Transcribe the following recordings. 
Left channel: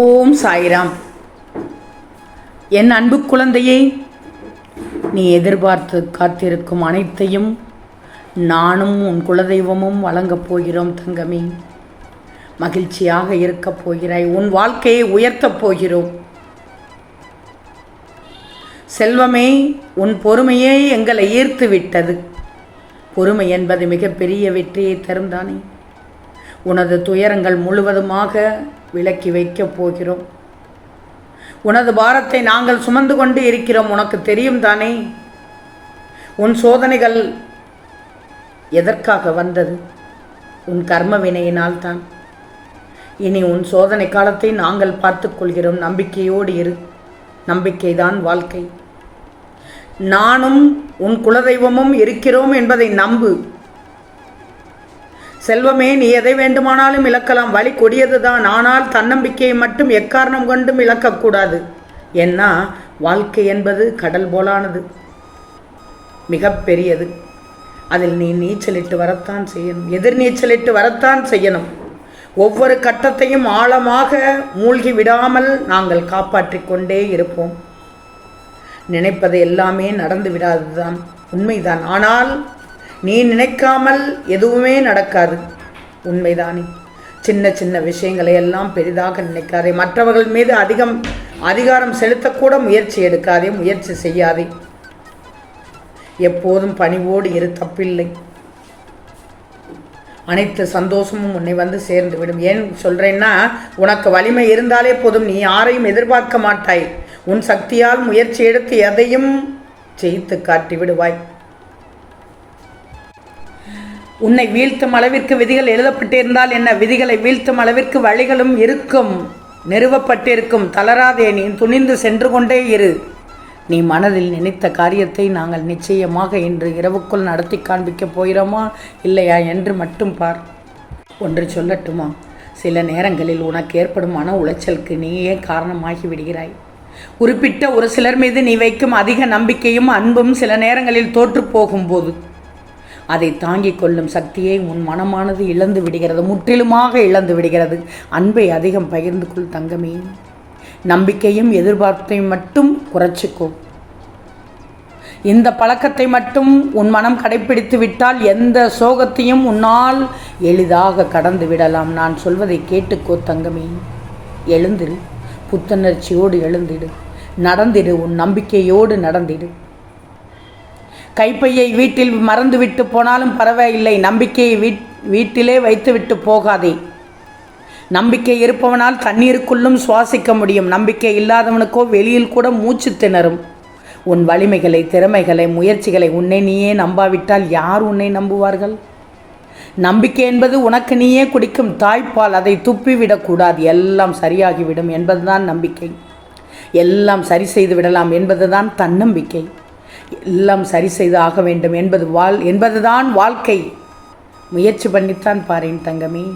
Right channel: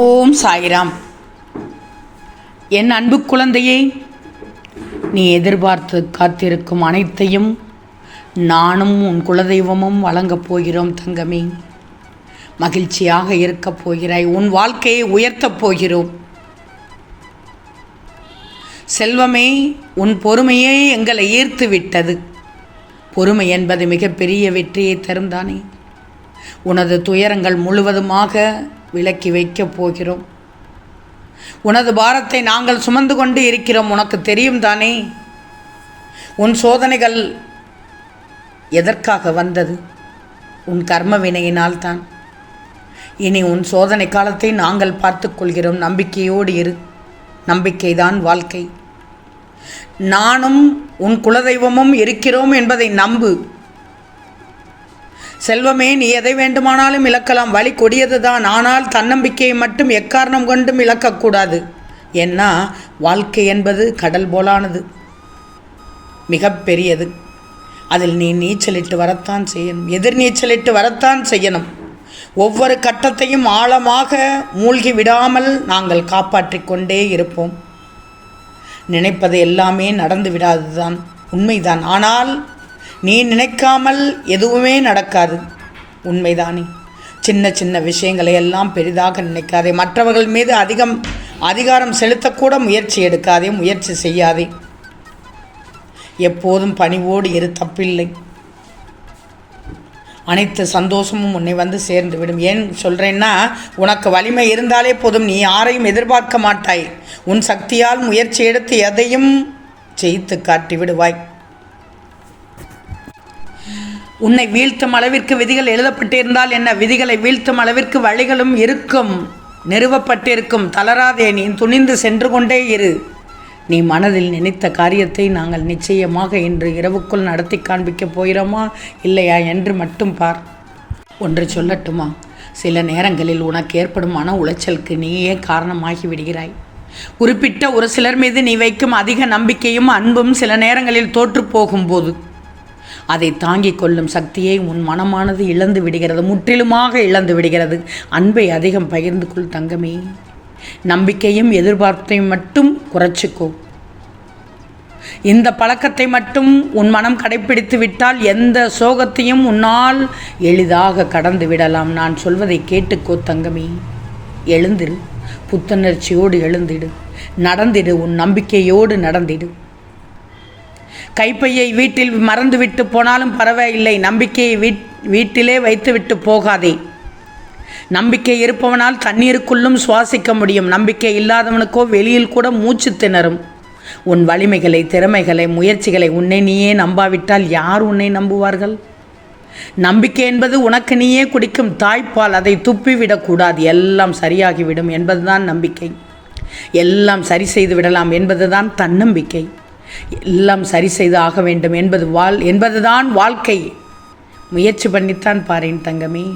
ஓம் சாய்ராம். என் அன்பு குழந்தையே நீ எதிர்பார்த்து காத்திருக்கும் அனைத்தையும் நானும் உன் குலதெய்வமும் வழங்கப் போகிறோம் தங்கமே. மகிழ்ச்சியாக இருக்கப் போகிறாய் உன் வாழ்க்கையை உயர்த்தப் போகிறோம். செல்வமே உன் பொறுமையே எங்களை ஈர்த்து விட்டது பொறுமை என்பது மிகப்பெரிய வெற்றியை தரும் தானே உனது துயரங்கள் முழுவதுமாக விலக்கி வைக்கப் போகிறோம். உனது பாரத்தை நாங்கள் சுமந்து கொண்டு இருக்கிறோம். உனக்கு தெரியும் தானே? உன் சோதனைகள் எதற்காக வந்தது? உன் கர்ம வினையினால் தான். இனி உன் சோதனை காலத்தை நாங்கள் பார்த்துக்கொள்கிறோம் நம்பிக்கையோடு இரு. நம்பிக்கைதான் வாழ்க்கை. நானும் உன் குலதெய்வமும் இருக்கிறோம் என்பதை நம்பு. செல்வமே நீ எதை வேண்டுமானாலும் இழக்கலாம். வழி கொடியதுதான். ஆனால் தன்னம்பிக்கையை மட்டும் எக்காரணம் கொண்டும் இழக்கக்கூடாது. ஏன்னா வாழ்க்கை என்பது கடல் போலானது. மிகப்பெரியது அதில் நீ நீச்சலிட்டு வரத்தான் செய்யணும். எதிர் நீச்சலிட்டு வரத்தான் செய்யணும். ஒவ்வொரு கட்டத்தையும் ஆழமாக மூழ்கி விடாமல் நாங்கள் காப்பாற்றி கொண்டே இருப்போம். நினைப்பது எல்லாமே நடந்து விடாதுதான் உண்மைதான். ஆனால் நீ நினைக்காமல் எதுவுமே நடக்காது. உண்மைதானே. சின்ன சின்ன விஷயங்களை எல்லாம் பெரிதாக நினைக்காதே. மற்றவர்கள் மீது அதிகம் அதிகாரம் செலுத்தக்கூட முயற்சி எடுக்காதே முயற்சி செய்யாதே. எப்போதும் பணிவோடு இரு தப்பில்லை. அனைத்து சந்தோஷமும் உன்னை வந்து சேர்ந்து விடும் ஏன் சொல்கிறேன்னா உனக்கு வலிமை இருந்தாலே போதும். நீ யாரையும் எதிர்பார்க்க மாட்டாய். உன் சக்தியால் முயற்சி எடுத்து எதையும் ஜெயித்து காட்டி விடுவாய் உன்னை வீழ்த்தும் அளவிற்கு விதிகள் எழுதப்பட்டிருந்தால் என்ன? விதிகளை வீழ்த்தும் அளவிற்கு வழிகளும் இருக்கும். நிறுவப்பட்டிருக்கும். தளராதே நீ துணிந்து சென்று கொண்டே இரு. நீ மனதில் நினைத்த காரியத்தை நாங்கள் நிச்சயமாக இன்று இரவுக்குள் நடத்தி காண்பிக்கப் போகிறோமா? இல்லையா என்று மட்டும் பார். ஒன்று சொல்லட்டுமா? சில நேரங்களில் உனக்கு ஏற்படும் மன உளைச்சலுக்கு நீயே காரணமாகி விடுகிறாய். குறிப்பிட்ட ஒரு சிலர் மீது நீ வைக்கும் அதிக நம்பிக்கையும் அன்பும் சில நேரங்களில் தோற்று போகும்போது அதை தாங்கிக் கொள்ளும் சக்தியை உன் மனமானது இழந்து விடுகிறது முற்றிலுமாக இழந்து விடுகிறது. அன்பை அதிகம் பகிர்ந்து கொள் தங்கமே. நம்பிக்கையும் எதிர்பார்ப்பையும் மட்டும் குறைச்சிக்கோ. இந்த பழக்கத்தை மட்டும் உன் மனம் கடைப்பிடித்து விட்டால் எந்த சோகத்தையும் உன்னால் எளிதாக கடந்து விடலாம். நான் சொல்வதை கேட்டுக்கோ தங்கமே. எழுந்திரு புத்துணர்ச்சியோடு எழுந்திடு நடந்திடு உன் நம்பிக்கையோடு நடந்திடு கைப்பையை வீட்டில் மறந்துவிட்டு போனாலும் பரவாயில்லை. நம்பிக்கையை வீட் வீட்டிலே வைத்துவிட்டு போகாதே. நம்பிக்கை இருப்பவனால் தண்ணீருக்குள்ளும் சுவாசிக்க முடியும். நம்பிக்கை இல்லாதவனுக்கோ வெளியில் கூட மூச்சு திணறும். உன் வலிமைகளை திறமைகளை முயற்சிகளை உன்னை நீயே நம்பாவிட்டால் யார் உன்னை நம்புவார்கள்? நம்பிக்கை என்பது உனக்கு நீயே குடிக்கும் தாய்ப்பால். அதை துப்பிவிடக்கூடாது எல்லாம் சரியாகிவிடும் என்பதுதான் நம்பிக்கை. எல்லாம் சரி செய்து விடலாம் என்பதுதான் தன்னம்பிக்கை. எல்லாம் சரி செய்து ஆக வேண்டும் என்பது வாழ் என்பதுதான் வாழ்க்கை. முயற்சி பண்ணித்தான் பாரேன் தங்கமே.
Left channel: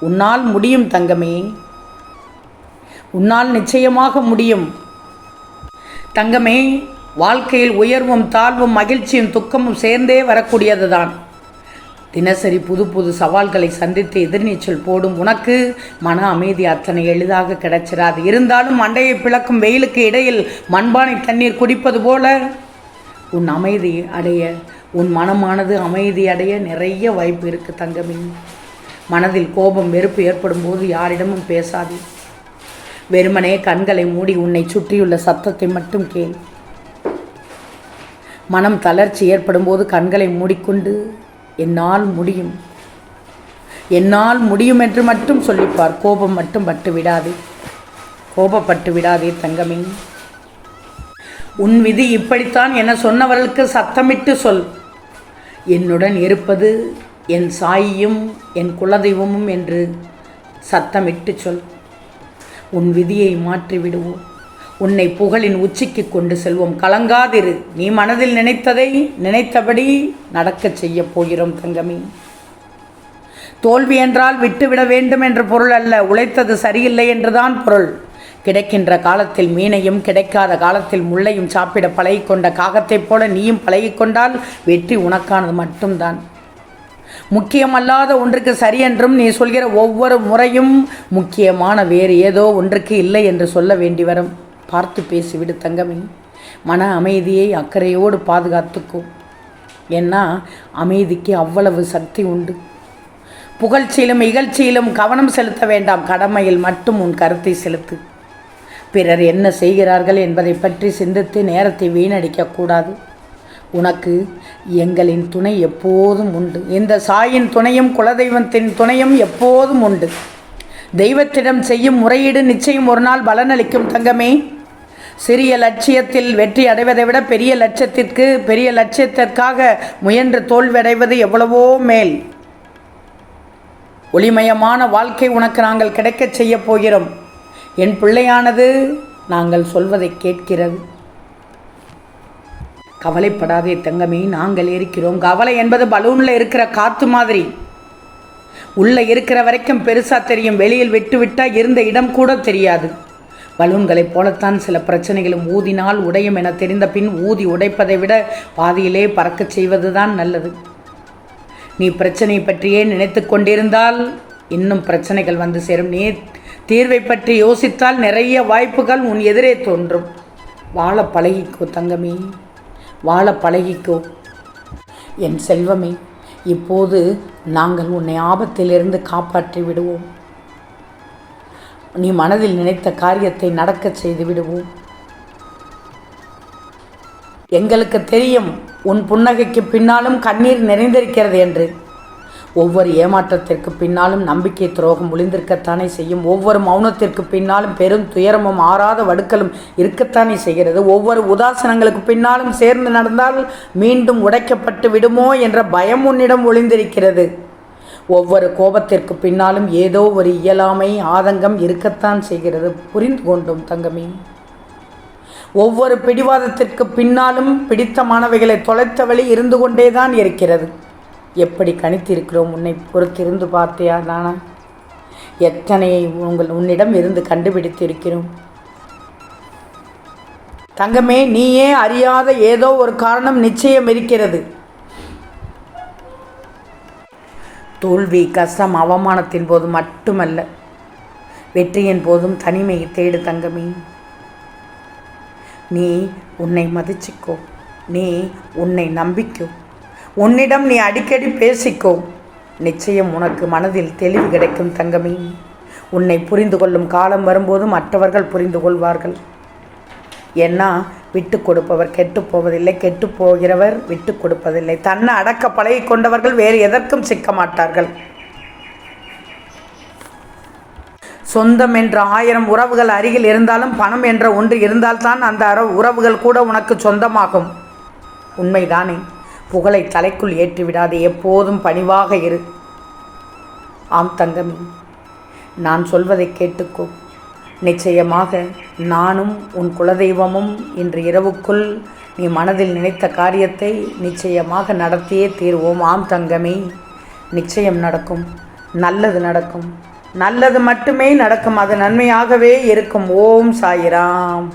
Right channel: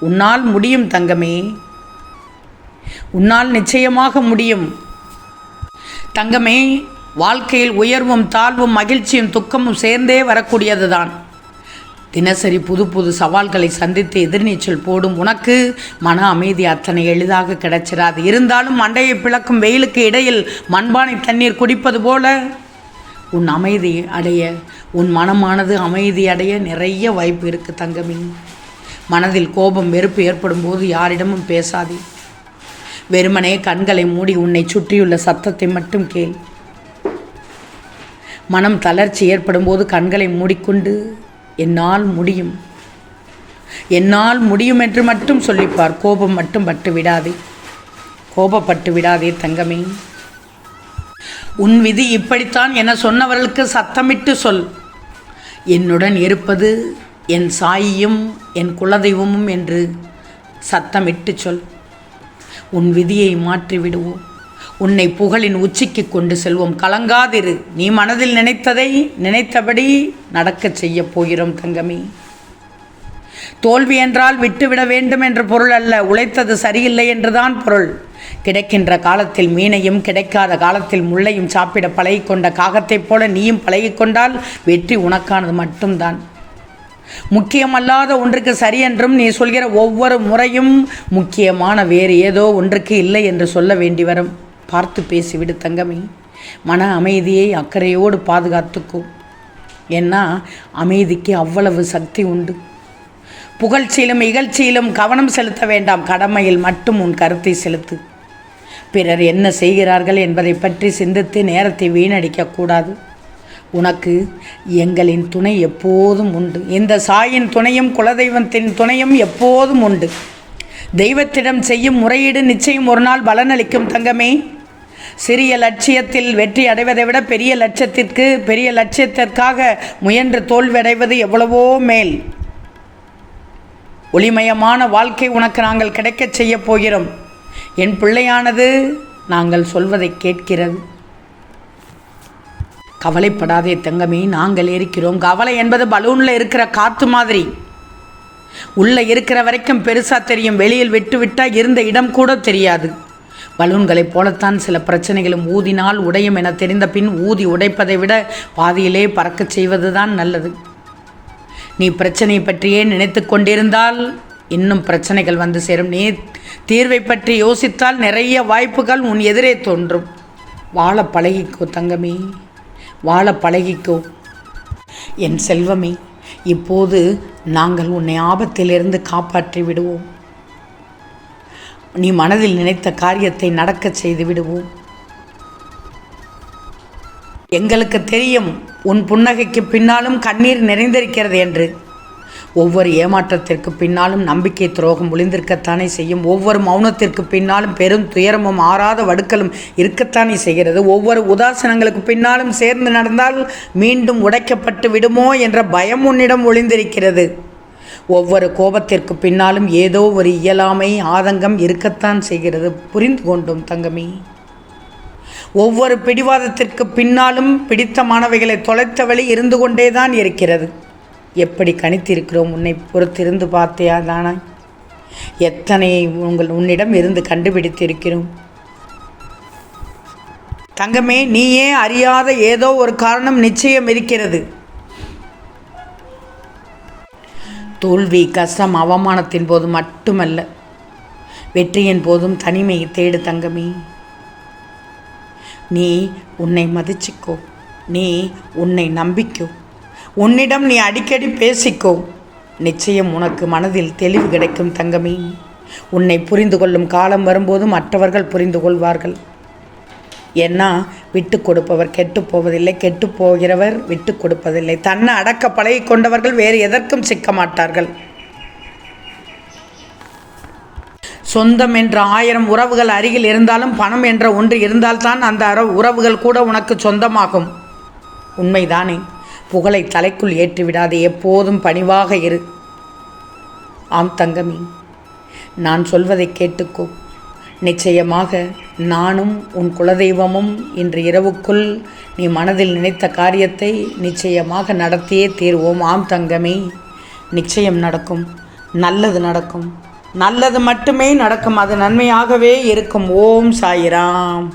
உன்னால் முடியும் தங்கமே. உன்னால் நிச்சயமாக முடியும். தங்கமே வாழ்க்கையில் உயர்வும் தாழ்வும் மகிழ்ச்சியும் துக்கமும் சேர்ந்தே வரக்கூடியதுதான். தினசரி புது புது சவால்களை சந்தித்து எதிர்நீச்சல் போடும் உனக்கு மன அமைதி அத்தனை எளிதாக கிடைச்சிடாது இருந்தாலும் மண்டையை பிளக்கும் வெயிலுக்கு இடையில் மண்பானை தண்ணீர் குடிப்பது போல உன் அமைதி அடைய உன் மனமானது அமைதி அடைய நிறைய வாய்ப்பு இருக்குது தங்கமே. மனதில் கோபம் வெறுப்பு ஏற்படும் போது யாரிடமும் பேசாதே. வெறுமனே கண்களை மூடி உன்னை சுற்றியுள்ள சத்தத்தை மட்டும் கேள். மனம் தளர்ச்சி ஏற்படும் போது கண்களை மூடிக்கொண்டு என்னால் முடியும். என்னால் முடியும் என்று மட்டும் சொல்லிப்பார். கோபம் மட்டும் பட்டு விடாதே. கோபப்பட்டு விடாதே தங்கமே. உன் விதி இப்படித்தான் என சொன்னவர்களுக்கு சத்தமிட்டு சொல். என்னுடன் இருப்பது என் சாயியும் என் குலதெய்வமும் என்று சத்தமிட்டு சொல். உன் விதியை மாற்றி விடுவோம் உன்னை புகழின் உச்சிக்கு கொண்டு செல்வோம். கலங்காதிரு. நீ மனதில் நினைத்ததை நினைத்தபடி நடக்கச் செய்யப் போகிறோம் தங்கமி. தோல்வி என்றால் விட்டுவிட வேண்டும் என்ற பொருள் அல்ல. உழைத்தது சரியில்லை என்றுதான் பொருள். கிடைக்கின்ற காலத்தில் மீனையும் கிடைக்காத காலத்தில் முள்ளையும் சாப்பிட பழகிக்கொண்ட காகத்தைப் போல நீயும் பழகிக்கொண்டால் வெற்றி உனக்கானது மட்டும்தான். முக்கியமல்லாத ஒன்றுக்கு சரி என்றும் நீ சொல்கிற ஒவ்வொரு முறையும் முக்கியமான வேறு ஏதோ ஒன்றுக்கு இல்லை என்று சொல்ல வேண்டி வரும். பார்த்து பேசிவிடு தங்கமி. மன அமைதியை அக்கறையோடு பாதுகாத்துக்கோ. ஏன்னா அமைதிக்கு அவ்வளவு சக்தி உண்டு. புகழ்ச்சியிலும் இகழ்ச்சியிலும் கவனம் செலுத்த வேண்டாம். கடமையில் மட்டும் உன் கருத்தை செலுத்து. பிறர் என்ன செய்கிறார்கள் என்பதை பற்றி சிந்தித்து நேரத்தை வீணடிக்கக்கூடாது உனக்கு எங்களின் துணை எப்போதும் உண்டு. இந்த சாயின் துணையும் குலதெய்வத்தின் துணையும் எப்போதும் உண்டு. தெய்வத்திடம் செய்யும் முறையீடு நிச்சயம் ஒரு நாள் பலனளிக்கும் தங்கமே. சிறிய லட்சியத்தில் வெற்றி அடைவதை விட பெரிய லட்சத்திற்கு பெரிய லட்சியத்திற்காக முயன்று தோல்வியடைவது எவ்வளவோ மேல். ஒளிமயமான வாழ்க்கை உனக்கு நாங்கள் கிடைக்கச் செய்யப் போகிறோம். என் பிள்ளையானது நாங்கள் சொல்வதை கேட்கிறது. கவலைப்படாதே தங்கமே நாங்கள் இருக்கிறோம் கவலை என்பது பலூனில் இருக்கிற காற்று மாதிரி. உள்ளே இருக்கிற வரைக்கும் பெருசாக தெரியும். வெளியில் விட்டுவிட்டால் இருந்த இடம் கூட தெரியாது. பலூன்களைப் போலத்தான் சில பிரச்சனைகளும் ஊதினால் உடையும் என தெரிந்த பின் ஊதி உடைப்பதை விட பாதியிலே பறக்கச் செய்வதுதான் நல்லது. நீ பிரச்சனை பற்றியே நினைத்து கொண்டிருந்தால் இன்னும் பிரச்சனைகள் வந்து சேரும். நீ தீர்வை பற்றி யோசித்தால் நிறைய வாய்ப்புகள் உன் எதிரே தோன்றும். வாழ பழகிக்கோ தங்கமே. வாழ பழகிக்கோ. என் செல்வமே இப்போது நாங்கள் உன்னை ஆபத்திலிருந்து காப்பாற்றி விடுவோம். நீ மனதில் நினைத்த காரியத்தை நடக்கச் செய்து விடுவோம். எங்களுக்கு தெரியும் உன் புன்னகைக்கு பின்னாலும் கண்ணீர் நிறைந்திருக்கிறது என்று. ஒவ்வொரு ஏமாற்றத்திற்கு பின்னாலும் நம்பிக்கை துரோகம் ஒளிந்திருக்கத்தானே செய்யும். ஒவ்வொரு மௌனத்திற்கு பின்னாலும் பெரும் துயரமும் ஆறாத வடுக்கலும் இருக்கத்தானே செய்கிறது. ஒவ்வொரு உதாசனங்களுக்கு பின்னாலும் சேர்ந்து நடந்தால் மீண்டும் உடைக்கப்பட்டு விடுமோ என்ற பயம் உன்னிடம் ஒளிந்திருக்கிறது. ஒவ்வொரு கோபத்திற்கு பின்னாலும் ஏதோ ஒரு இயலாமை ஆதங்கம் இருக்கத்தான் செய்கிறது. புரிந்து கொண்டோம் தங்கமே. ஒவ்வொரு பிடிவாதத்திற்கு பின்னாலும் பிடித்தமானவைகளை தொலைத்த வழி இருந்து கொண்டேதான் இருக்கிறது. எப்படி கணித்திருக்கிறோம்? உன்னை பொறுத்திருந்து பார்த்தியா தானா? எத்தனை உங்கள் உன்னிடம் இருந்து கண்டுபிடித்திருக்கிறோம்? தங்கமே நீயே அறியாத ஏதோ ஒரு காரணம் நிச்சயம் இருக்கிறது. தோல்வி கஷ்டம் அவமானத்தின் போது மட்டுமல்ல வெற்றியின் போதும் தனிமையை தேடு தங்கமே. நீ உன்னை மதிச்சிக்கோ. நீ உன்னை நம்பிக்கோ. உன்னிடம் நீ அடிக்கடி பேசிக்கோ. நிச்சயம் உனக்கு மனதில் தெளிவு கிடைக்கும் தங்கமே. உன்னை புரிந்து கொள்ளும் காலம் வரும்போது மற்றவர்கள் புரிந்து கொள்வார்கள். ஏன்னா விட்டு கொடுப்பவர் கெட்டு போவதில்லை கெட்டு போகிறவர் விட்டு கொடுப்பதில்லை. தன்னை அடக்க பழகி கொண்டவர்கள் வேறு எதற்கும் சிக்க மாட்டார்கள். சொந்தம் என்ற ஆயிரம் உறவுகள் அருகில் இருந்தாலும் பணம் என்ற ஒன்று இருந்தால்தான் அந்த அற உறவுகள் கூட உனக்கு சொந்தமாகும். உண்மைதானே? புகழை தலைக்குள் ஏற்றிவிடாது எப்போதும் பணிவாக இரு. ஆம் தங்கமி நான் சொல்வதை கேட்டுக்கோ. நிச்சயமாக நானும் உன் குலதெய்வமும் இன்று இரவுக்குள் நீ மனதில் நினைத்த காரியத்தை நிச்சயமாக நடத்தியே தீர்வோம். ஆம் தங்கமே நிச்சயம் நடக்கும். நல்லது நடக்கும். நல்லது மட்டுமே நடக்கும். அது நன்மையாகவே இருக்கும். ஓம் சாயிராம்.